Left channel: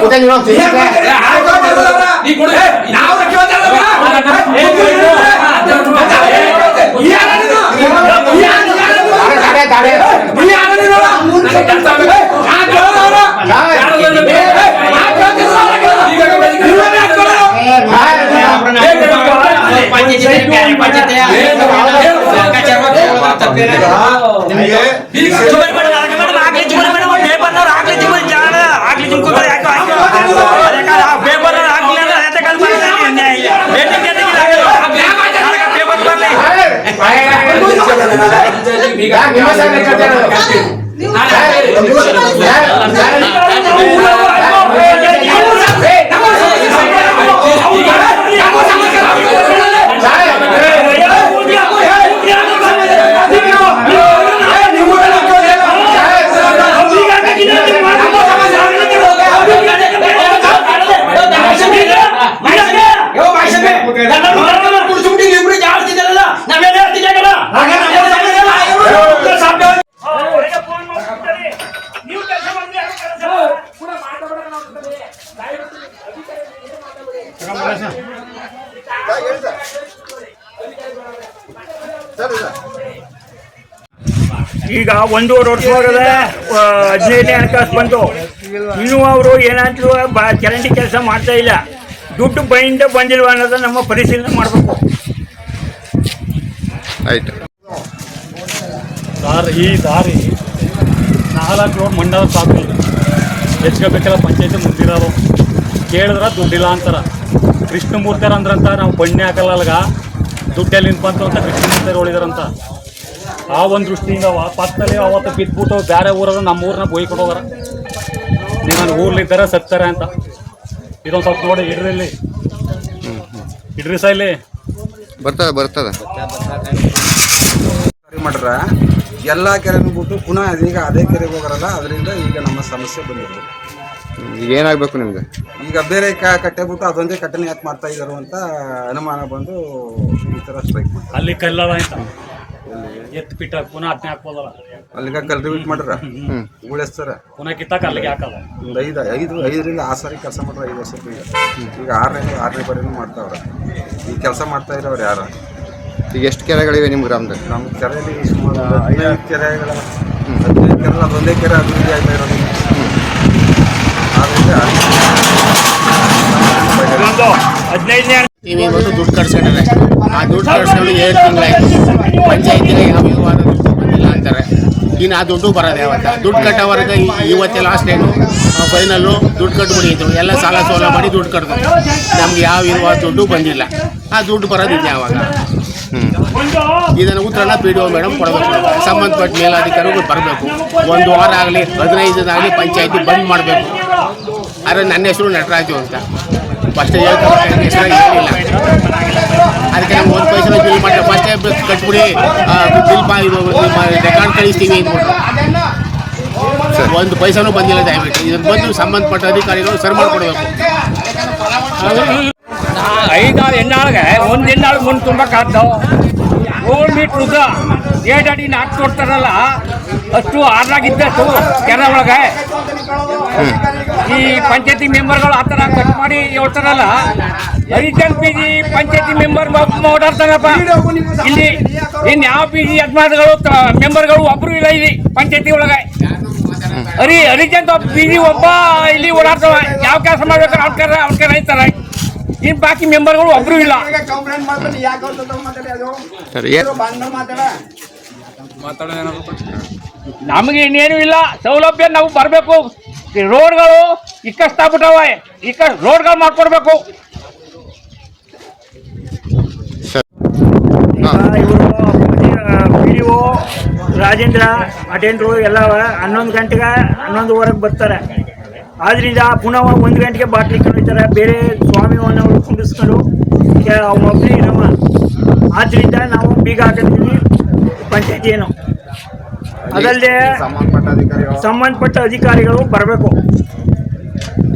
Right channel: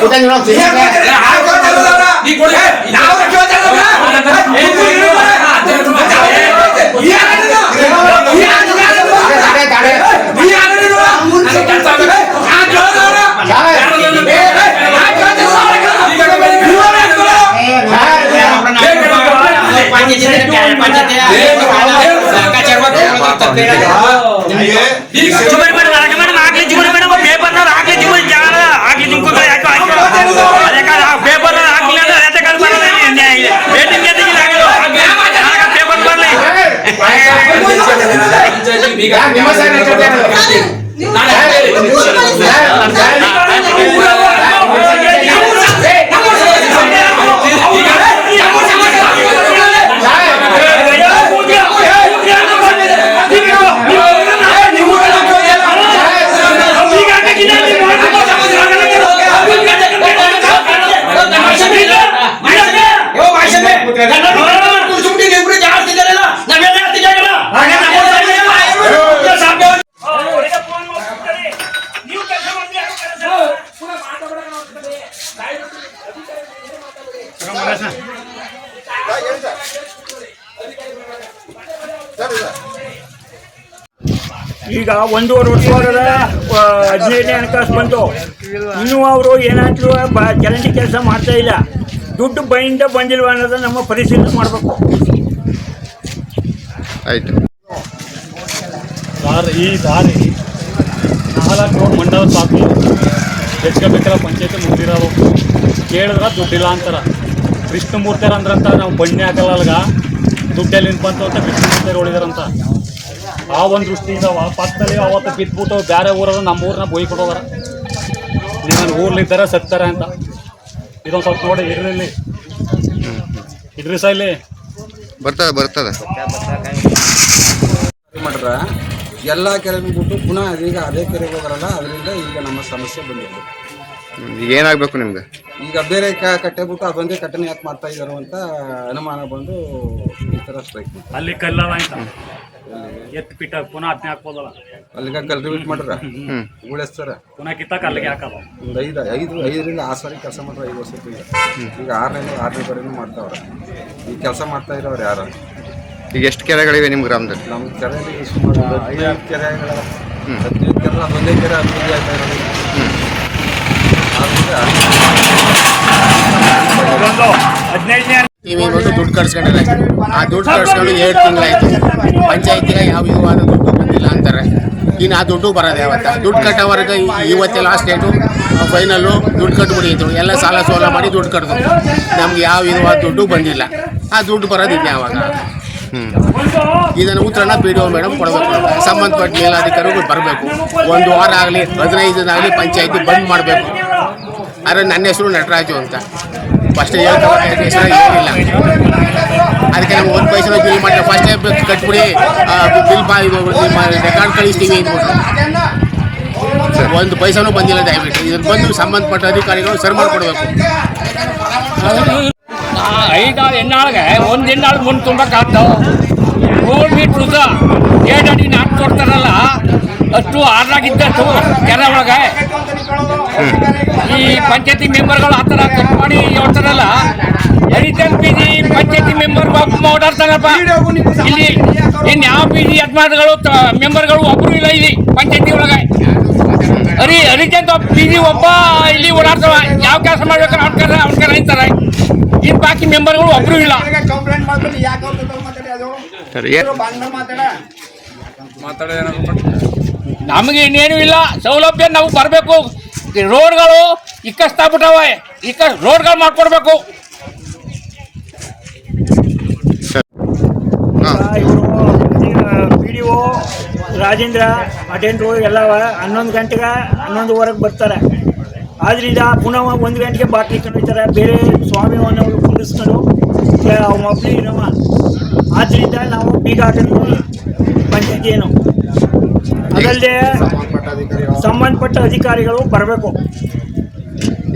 ಕೂತಂಗ್ ಯಾ, ನಿಮ್ಮ ಈಗ ಒಂದೂವರೆ ವರ್ಷವಾಗದ ಹದಿನೈದನೇ ಹಣಕಾಸು ಬಂತು. ಇನ್ನೂ ಅವರು ಏನಾದ್ರು ಬ ಚರಂಡಿ ಕೆಲಸ ಮಾಡ್ತಾ ಇಲ್ಲ. ದುಡ್ಡು ಬೈಂದ ಬಂದಿಲ್ವ ಅನ್ನೋದು ನಮ್ಮ ಪರಿಶೀಲನೆ ಮಾಡಬೇಕು. ಆಯ್ತು. ದಾರಿ ಈ ದಾರಿ ನಾಲ್ಕು ರೋಡ್ ಮಂಡಲ ಸಾಕು. ಹೆಚ್ಕೋಬೇಕಲ್ಲ ಪಂಚಾಯತಿ ಮುಂದಿರೋದು. ಕೇಳಿದ್ರೆ ದುಡ್ಡಿಲ್ಲ ಅಂತಾರ. ಕೃಷ್ಣಮೂರ್ತಿಯರ್ ಅಂದ್ರಂತ ನಾವು ಬಣ್ಣೆ ಹಾಕಲ್ಲ ಅಲ್ಗ. ದುಡ್ಡೆಲ್ಲಿ ನಿಂತು ಬಂತು ಅಂತ ಕೃಷ್ಣಮೂರ್ತಿಯರ್ ಹೊಳಿದಾರಂತ. ಆ ಒಂದು ದೃಷ್ಟಿಯಿಂದ ಆ ಪಕ್ಕದಲ್ಲಿ ಅವತ್ತು ಬಿದ್ದುಬಿಟ್ಟು ಬೇರೆ ಊರದ ನಮ್ಮ ಊರನ್ನ ಬೊಯ್ ಕೊಡೋಗಾರ ಊರ್ಲಿದ್ದಾರ ಊರ್ಲಿದ್ದಾರೆ ಸತ್ತಾರೆ ಅಂತ. ಇದೊಂದು ಸ್ವಲ್ಪ ನೋಡಿ ಇಡ್ರಿ ಇಲ್ಲಿ ಇಡ್ರಿ ಸಹ ಇಲ್ಲಿ. ಬರ್ತದ ಬರ್ತದ. ಮಾಡ್ರ. ಎಲ್ಲ ಕೆರೆನೂ ಬಿಟ್ಟು ಪುನಃ ಅದೀಗ ಅದೇ ಕೆರೆಗೆ ಹೋಗರಲ್ಲ ಅದರಿಂದ ಈಗ ನಮ್ಮ ಸಮಸ್ಯೆ ಬಂದಿದೆ. ಈಗ ಏನಾಗಬೇಕು ನಿಮ್ಗೆ? ಈಗ ಬೇರೆ ಕ ಕಟ್ಟೆ ಬಿಟ್ಟು ಅದೊಂದೇ ಕಟ್ಟನೆ ಯಾಕೆ ಮಾಡ್ತಾ ಇದ್ದಾರೆ ಅಂತ ಅನುಮಾನ ಬಂದು ಈ ಥರ ಸ್ಟ್ರೈಕ್ ಮಾಡ್ತಾರೆ. ಅಲ್ಲಿ ಕಲ್ಲದ ಅಂತ ಎತ್ತು ಪಿಟ್ಟ ಪುನಃ ಅದನ್ನೇ ಹಾಕ್ಬೋದಲ್ಲ. ಅಲ್ಲಿಗ ಕಲ್ಟಿವೇಟ್ ಮಾಡ್ರ. ಹ್ಮ್. ಉಳಿಸ್ತಾರ ಪುನಃ ಕಿತ್ತಾಕ ಅಲ್ಲಿಗೆ ಹಾಕಲ್ಲ. ಒಂದು ಐದು ಐದು ಐದರಿಂದ ಆರು ಸಾರಿ ಕೆಲಸ ಮಾಡ್ರೆ ಐದು ವರ್ಷಕ್ಕೆ ಈಗ. ಈಗ ಆರನೇ ಆರನೇ ಬರೀನು ಮಾಡ್ತಾವ್ರೆ. ಈ ಕೆಲಸ ಮಾಡ್ತಾ ಇರೋರು ಯಾರು? ಈಗ ಎಷ್ಟು ಕೆರೆಗಳಿವೆ ನಿಮ್ಮ ಗ್ರಾಮದಲ್ಲಿ? ನಮ್ಮ ಕೆರೆಯಲ್ಲಿ ಸುಮಾರು ಒಂದು ಹದಿನೈದು ಕೆರೆಗಳ ಹದಿನೈದು ಕೆರೆ ಅದೊಂದೇ ಕೆರೆ ಅಭಿವೃದ್ಧಿ ಆಗ್ತಾ ಇರೋದು. ಆದ್ರಿಂದ. ಹದಿನೈದನೇ ಟಿವಿ ನೋಡು ದುಡ್ಡು ಕಟ್ಸ್ಕೊಂಡ್ರೆ. ಆ ದುಡ್ಡು ಕಟ್ಸ್ಕೊಂಡು ಏಳು ತಿಂಗಳಾಯ್ತು ಪಂಚಾಯತಿನ ಯಾವ ವಿಧವಾದ ದುಡ್ಡು ಬಂದಿಲ್ಲ ಅಂತಾರೆ. ಇನ್ನು ಆ ದುಡ್ಡು ಬರೋದು ಯಾವತ್ತ? ದುಡ್ಡು ಕಟ್ಟೋವರೆಗೆ ಇವತ್ತೆ ಲಾಸ್ಟ್ ಡೇಟು ಫೈನಲ್ಲು ದುಡ್ಡು ಕಟ್ಬಿಡಿದ್ರು ಎಲ್ಲ ಸಾಲ ಸೋಲ ಮಾಡಿ ದುಡ್ಡು ಕಟ್ಟಿದ್ರು ನಮ್ಗೆ ಯಾವ ವಿಧವಾದ ದುಡ್ಡು ಬಂದಿಲ್ಲ. ಆ ದುಡ್ಡು ಬರೋದು ಯಾವಾಗ? ಹ್ಞೂ ಇದನ್ನು ಉತ್ತರನ ಪಿ ಡಿ ಒ ಮೇಡಮ್ ಕೊಡಬೇಕು. ಸಂಬಂಧಪಟ್ಟ ಮೇಲಾಧಿಕಾರಿಗಳು ಬರಬೇಕು. ಒಂದು ವಾರ ಆಗಲಿ ಹದಿನೈದು ದಿನ ಆಗಲಿ ಪಂಚಾಯತಿ ಬಂದ್ ಮಾಡಬೇಕು. ಆದರೆ ನನ್ನ ಹೆಸರು ನಟರಾಜು ಅಂತ. ಫಸ್ಟ್ ಹೇಳ್ತಾರೆ ಏನಿಲ್ಲ ಅದಕ್ಕೆ ನಾವು ಒಂದು ಪೈಸೆ ಬಿಲ್ ಮಾಡಿದ್ರೆ ಫಸ್ಟೇ ಕಟ್ಬಿಡಿ ಬಿಲ್ ಪಾ ಇದು ರೆಕಾರ್ಡ್ ಕಳಿಸ್ತೀವಿ ಅಂದ್ಬಿಟ್ರು. ಒಂದು ಪೈಸಾನೂ ಬಂದಿಲ್ಲ ದಯವಿಟ್ಟು. ಇದಕ್ಕೆ ಬಂದು ಸಂಬಂಧಪಟ್ಟ ಅಧಿಕಾರಿಗಳು ಸರಿ ಮಾಡಿಕೊಡ್ಬೇಕು. ಐದಾರು ಹೆಣ್ಣಾಳಿಗೆ ಒಂದು ಹೆಣ್ಣಾಳು ಮುಂದೆ ತುಂಬಕ್ಕಾಗ್ತಾವ ನೂರು ಮೀಟ್ರ್ ಉದ್ದ ಏಟ್ ಅಡಿ ನಾಲ್ಕು ಕೊಡ್ತಾರಲ್ಲ ಅಷ್ಟು ಆರ್ಲಾಗಿದ್ದಷ್ಟು ಕೆರೆ ಒಳಗೆ. ಈ ಪಂಚಾಯತಿ ಮೆಂಬರ್ಗಳು ಆ ಥರ ಕಟ್ ಮಾಡಿ ಹೇಳ್ತಾರಲ್ಲ ಹರಿಚಂದ್ ಪಿ ಜಿ ಪಂಚಾಯತಿ ಮೆಂಬರ್ ಓಡಾಡ್ತಾರಪ್ಪ. ಇಲ್ಲಿ ಇನ್ನು ಯಾವ ಪಿ ಜಿ ಯಜಮಾನಗಳು ಮೆಂಬರ್ಗಳು ಒಬ್ಬರು ಇಲ್ಲ ಇಲ್ಲಿ ಪಂಚಾಯತಿ ಒಳಗೆ. ಹರಿ ಹರಿಜನ್ ಪಿ ಜಿ ಒಬ್ಬ ಇಲ್ಲಿ ಓಡಾಡ್ತಾವ. ಯಾವ ಕೆಲಸ ಮಾಡ್ಬೇಕು ಅವ್ನ ಕರ ಅವ್ನ ಕರ ಅಂತಾರೆ. ಇನ್ನು ಬಾಕಿ ಮೆಂಬರ್ಗಳು ಒಬ್ರು ಇಲ್ಲ. ಸರಿ ನಮಗೆ ಇನ್ನೇನು ಇಲ್ಲ. ಸೌಲಭ್ಯ ನಾವು ಬರಬೇಕು. ರೋಡ್ಗಳು ಇಕ್ಕಸ್ತಾಗ್ಬಿಟ್ಟವೆ ಇಕ್ಕ ರೋಡ್ಗಳು ಮಾಡ್ಕೊಡ್ಬೇಕು. ಹಾ. ಇವರು ಪಿ ಡಿ ಒ ರಾಜೇಂದ್ರ ಅಟೆಂಡ್ರು ಎಲ್ಲ ಹನ್ನೊಂದು ಗಂಟೆಗೆ ಹನ್ನೊಂದುವರೆಗೆ ಬರ್ತಾರೆ. ಆದ್ರಿಂದ ಪುನಃ ಒಂದು ಗಂಟೆಗೆ ಬಾಟ್ಲಿ ಹೋಗ್ತಾರೆ ಬೇರೆ ಸ್ವಾಮಿವನ್ನು ಕುಂಡಿಸ್ಕೊಂಡು ಒಬ್ಬನೇ ಇರವ ಆದ್ರಿಂದ ನಾವು ಬೀಗ ಹಾಕೊಂಡಿದ್ದೀವಿ ಪಂಚಾಯತಿ ಏನು? ಅದಲ್ಲದೆ ಸಂಬಂಧಪಟ್ಟ ಅಧಿಕಾರಿಗಳು ಬರಬೇಕು.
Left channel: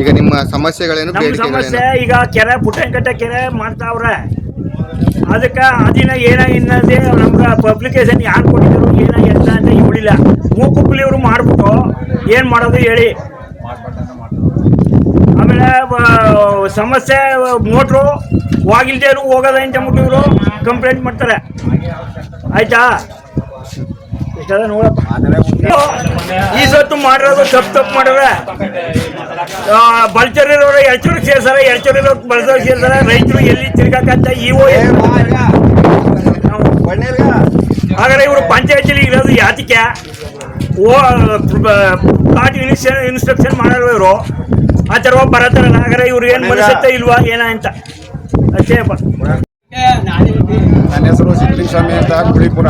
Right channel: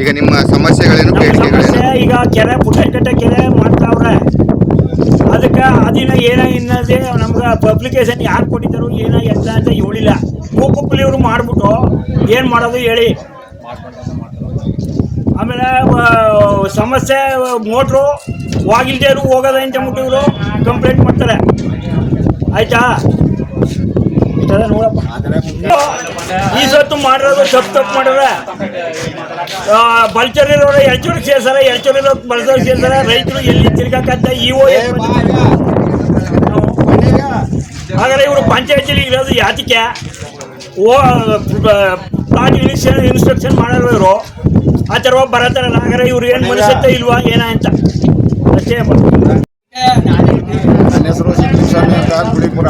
ಈಗ ನಿಮ್ಮ ಸಮಸ್ಯೆಗಳೇನು ನಮ್ಮ ಸಮಸ್ಯೆ ಈಗ ಕೆರೆ ಪುಟ್ಟಂಕಟ್ಟೆ ಕೆರೆ ಮಾಡ್ತಾವ್ರೆ ಅದಕ್ಕೆ ಅದಿನ ಏನ ಇನ್ನದೇ ನಮ್ಗೆ ಪಬ್ಲಿಕೇಶನ್ ಯಾರು ಕೊಟ್ಟಿದ್ರು ಏನ ಎಲ್ಲ ಅಂತ ಹೇಳಿಲ್ಲ ಮೂಕುಪ್ಪಲಿ ಇವರು ಮಾಡ್ಬಿಟ್ಟು ಏನು ಮಾಡೋದು ಹೇಳಿ. ಆಮೇಲೆ ಸಮಸ್ಯೆ ಮೋಟ್ರು ಹೋಗಿಲ್ದೇ ಇರು, ಹೋಗೋದ ಅಂತ ಇವರು? ಕಂಪ್ಲೇಂಟ್ ಮಾಡ್ತಾರೆ. ಆಯ್ತಾ? ನೋಡಪ್ಪ. ಈ ಸತ್ತು ಮಾಡಿರೋದು ತಪ್ಪು ತಪ್ಪು ಮಾಡಿದ್ರೆ ಬಲ್ಚರಿರೋರು ಎಳ್ಚೂರಿಗೆ ಸೇರ್ಸಾರ ಎಳ್ಚೂರಿರೋ ಬಲ್ಚರ್ ಸೇರ್ತಾರೆ ರೈತರು ಎಲ್ಲಿ ತಿರ್ಗಾಕತ್ತ? ಇಒ ಹಾಗಾದ್ರೆ ಇವರು ಪಂಚಾಯತಿಲಿ ಇರೋದು ಯಾತಿಕೆ ಓ ಪ್ಲಾಟ್ ಇನ್ಸ್ಟ್ರಕ್ಷನ್ ಮಾಡೋರು ಇವರು. ಆ ಥರ ಬರತ್ತಾರಲ್ಲ, ಹಾಗಾದ್ರೆ ಇವ್ರು ಏನು ಮನಸ್ಸತ್ತೆ ಇಲ್ವಾ, ಏನ ಅಂತ. ನನ್ನ ಹೆಸರು ಸಿದ್ಲಿಂಗಸ್ವಾಮಿ ಅಂತ ಗುಳಿಪುರ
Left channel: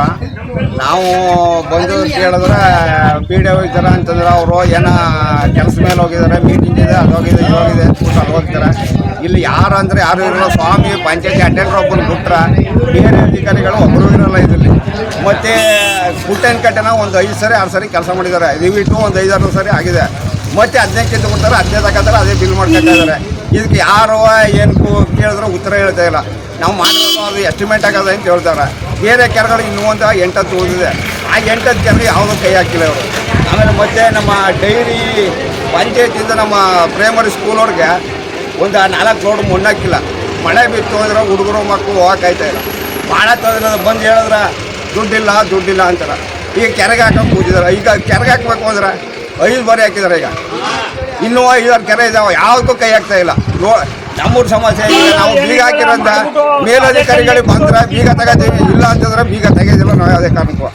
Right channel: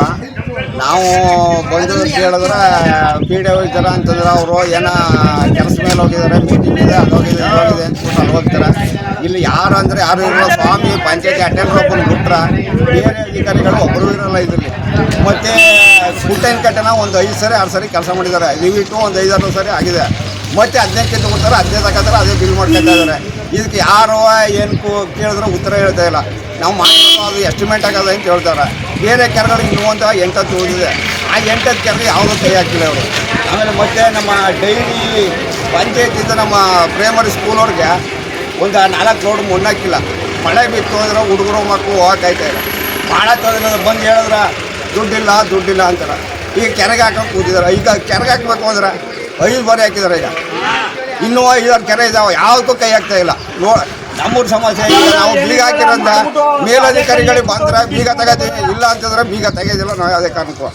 ನಾವು ಬಂದು ಕೇಳಿದ್ರೆ, ಪಿ ಡಿ ಹೋಗ್ತಾರೆ ಅಂತಂದ್ರೆ ಅವರು ಏನೋ ಕೆಲಸ ಮೇಲೆ ಹೋಗಿದ್ದಾರೆ ಮೀಟಿಂಗ್ ಇದೆ, ಅದು ಹೋಗಿದೆ, ಇದು ಹೋಗಿದೆ ಅಂದ್ಬಿಟ್ಟು ಅಲ್ಲಿ ಹೋಗ್ತಾರೆ ಇಲ್ಲಿ ಯಾರು ಅಂದರೆ ಯಾರು ಇರಲ್ಲ, ಸ್ವಾಮಿ, ಪಂಚಾಯತಿ ಅಟೆಂಡರ್ ಒಬ್ಬನ ಬಿಟ್ರೆ, ಬೇರೆ ಅಧಿಕಾರಿಗಳು ಒಬ್ಬರು ಇರಲ್ಲ ಇದರಲ್ಲಿ. ಮತ್ತು ಕುಟ್ಟೆನ್ ಕಟ್ಟೆನ ಒಂದು ಐದು ಸರಿ, ಆರು ಸರಿ ಕೆಲಸ ಮಾಡಿದ್ದಾರೆ. ದಯವಿಟ್ಟು ಒಂದು ಐದಾರು ಸರಿ ಆಗಿದೆ. ಮತ್ತೆ ಹದಿನೈದು ತಗೊಳ್ತಾರೆ ಹದಿನೈದು ಹಾಕತ್ತಾರೆ, ಅದೇ ಬಿಲ್ ಮಾಡ್ಕೊತಾ ಇದ್ದಾರೆ. ಇದಕ್ಕೆ ಯಾರು ಏನು ಕೇಳಿದ್ರೆ ಉತ್ತರ ಹೇಳ್ತಾ ಇಲ್ಲ. ನಾವು ಮಾಡಿರೋದು ಅದು ಎಸ್ಟಿಮೇಟ್ ಆಗೋದು ಅಂತ ಹೇಳ್ತಾರೆ. ಬೇರೆ ಕೆರೆಗಳು ಇನ್ನೂ ಒಂದು ಎಂಟತ್ತು ಉಳಿದಿದೆ. ಆ ಎಂಟತ್ತು ಕೆರೆಗೆ ಯಾವುದೂ ಕೈ ಹಾಕಿಲ್ಲ ಅವರು ಆಮೇಲೆ ಮತ್ತೆ ನಮ್ಮ ಡೈಲಿ ಪಂಚಾಯತಿಂದ ನಮ್ಮ ಪ್ರೈಮರಿ ಸ್ಕೂಲವ್ರಿಗೆ ಒಂದು ನಾಲ್ಕು ರೋಡ್ ಮುನ್ನಾಕಿಲ್ಲ ಮಳೆ ಬಿತ್ತು ಅಂದ್ರೆ ಹುಡುಗರು ಮಕ್ಕಳು ಹೋಗಕ್ಕಾಯ್ತಾ ಇಲ್ಲ. ಭಾಳ ತೊಂದರೆ ಬಂದು ಹೇಳಿದ್ರೆ ದುಡ್ಡಿಲ್ಲ ದುಡ್ಡಿಲ್ಲ ಅಂತಾರೆ. ಈಗ ಕೆರೆಗೆ ಹಾಕಕ್ಕೆ ಕೂತಿದ್ದಾರೆ. ಈಗ ಕೆರೆಗೆ ಹಾಕ್ಬೇಕು ಅಂದ್ರೆ ಐದು ಬಾರಿ ಹಾಕಿದ್ದಾರೆ ಈಗ. ಇನ್ನೂ ಐದಾರು ಕೆರೆ ಇದಾವೆ ಯಾವುದಕ್ಕೂ ಕೈ ಹಾಕ್ತಾ ಇಲ್ಲ. ನೋ ನಮ್ಮೂರು ಸಮಸ್ಯೆ ಇಲ್ಲ ನಾವು ಬೀಗ ಹಾಕಿರೋಂಥ ಮೇಲಧಿಕಾರಿಗಳಿಗೆ ಬಂದ್ರೆ ಬೀಗ ತಗೋತೀವಿ ಇಲ್ಲ ಅಂತಂದ್ರೆ ಬೀಗ ತೆಗೆಯೋದಿಲ್ಲ ನಾವು ಯಾವುದೇ ಕಾರಣಕ್ಕೂ.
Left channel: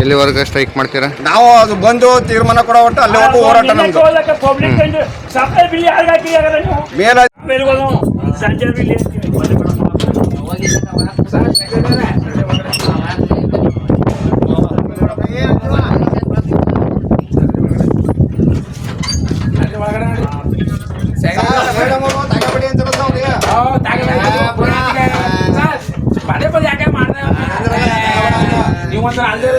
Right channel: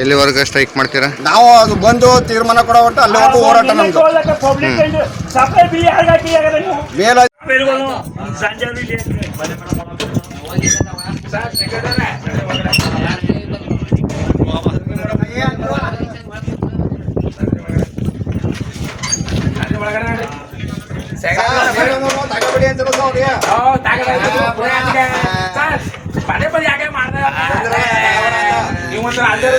ಎಲ್ಲಿವರೆಗೂ ಸ್ಟ್ರೈಕ್ ಮಾಡ್ತೀರಾ? ನಾವು ಅದು ಬಂದು ತೀರ್ಮಾನ ಕೊಡೋ ಒಟ್ಟು ಅಲ್ಲಿವರೆಗೂ ಹೋರಾಟ ನಮ್ದು. ಮೇಲ ಸಂಜೆ ಬಿಲ್ ಪದೇ ಪದೇ ಯಾಕೆ ಮಾಡ್ದೆ ನೀವು ಒಂದ್ಸಲ ಅಲ್ಲೇ ಇರೋದಿಲ್ಲ ಬಂದ್ಬಿಟ್ಟಪ್ಪ.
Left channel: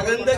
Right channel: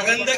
ಇವತ್ತಿಲ್ವಂತ